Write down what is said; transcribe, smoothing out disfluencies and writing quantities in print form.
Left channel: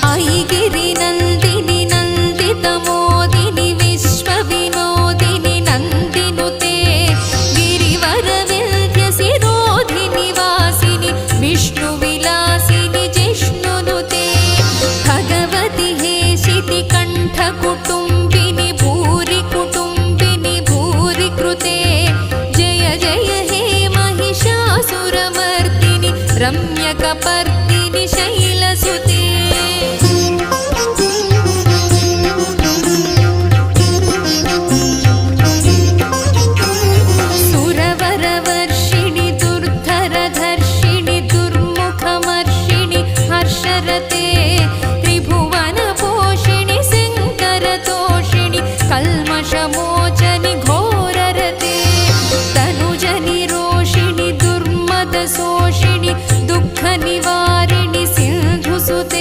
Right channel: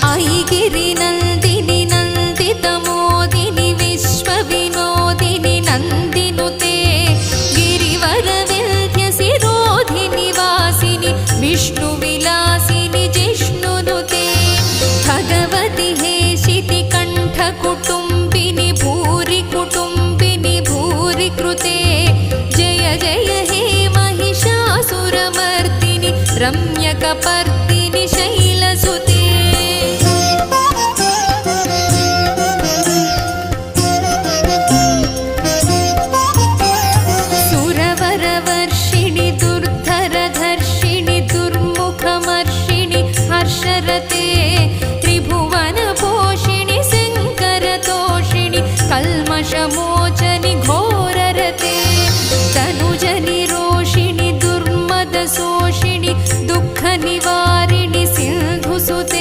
ऐगिरिनन्दिनि नन्दितमोदिनि विश्वविनोदिनि नन्दिनुते गिरिवरविन्ध्यसिरोधिनि वासिनि विष्णुविलासिनि जिष्णुनुते भगवति हेशितिकण्ठकुटुम्बिनि भूरि कुटुम्बिनि भूरि कृते जय जय हे महिषासुरमर्दिनि रम्यकपर्दिनि शैलसुते सुरवरवर्षिणि दुर्धरधर्षिणि दुर्मुखमर्षिणि हर्षरते त्रिभुवनपोषिणि शङ्करतोषिणि कल्मषमोचनि घोररते तनुजनिरोषिणि दुर्मदशोषिणि दुःखनिवारिणि सिन्धुसुते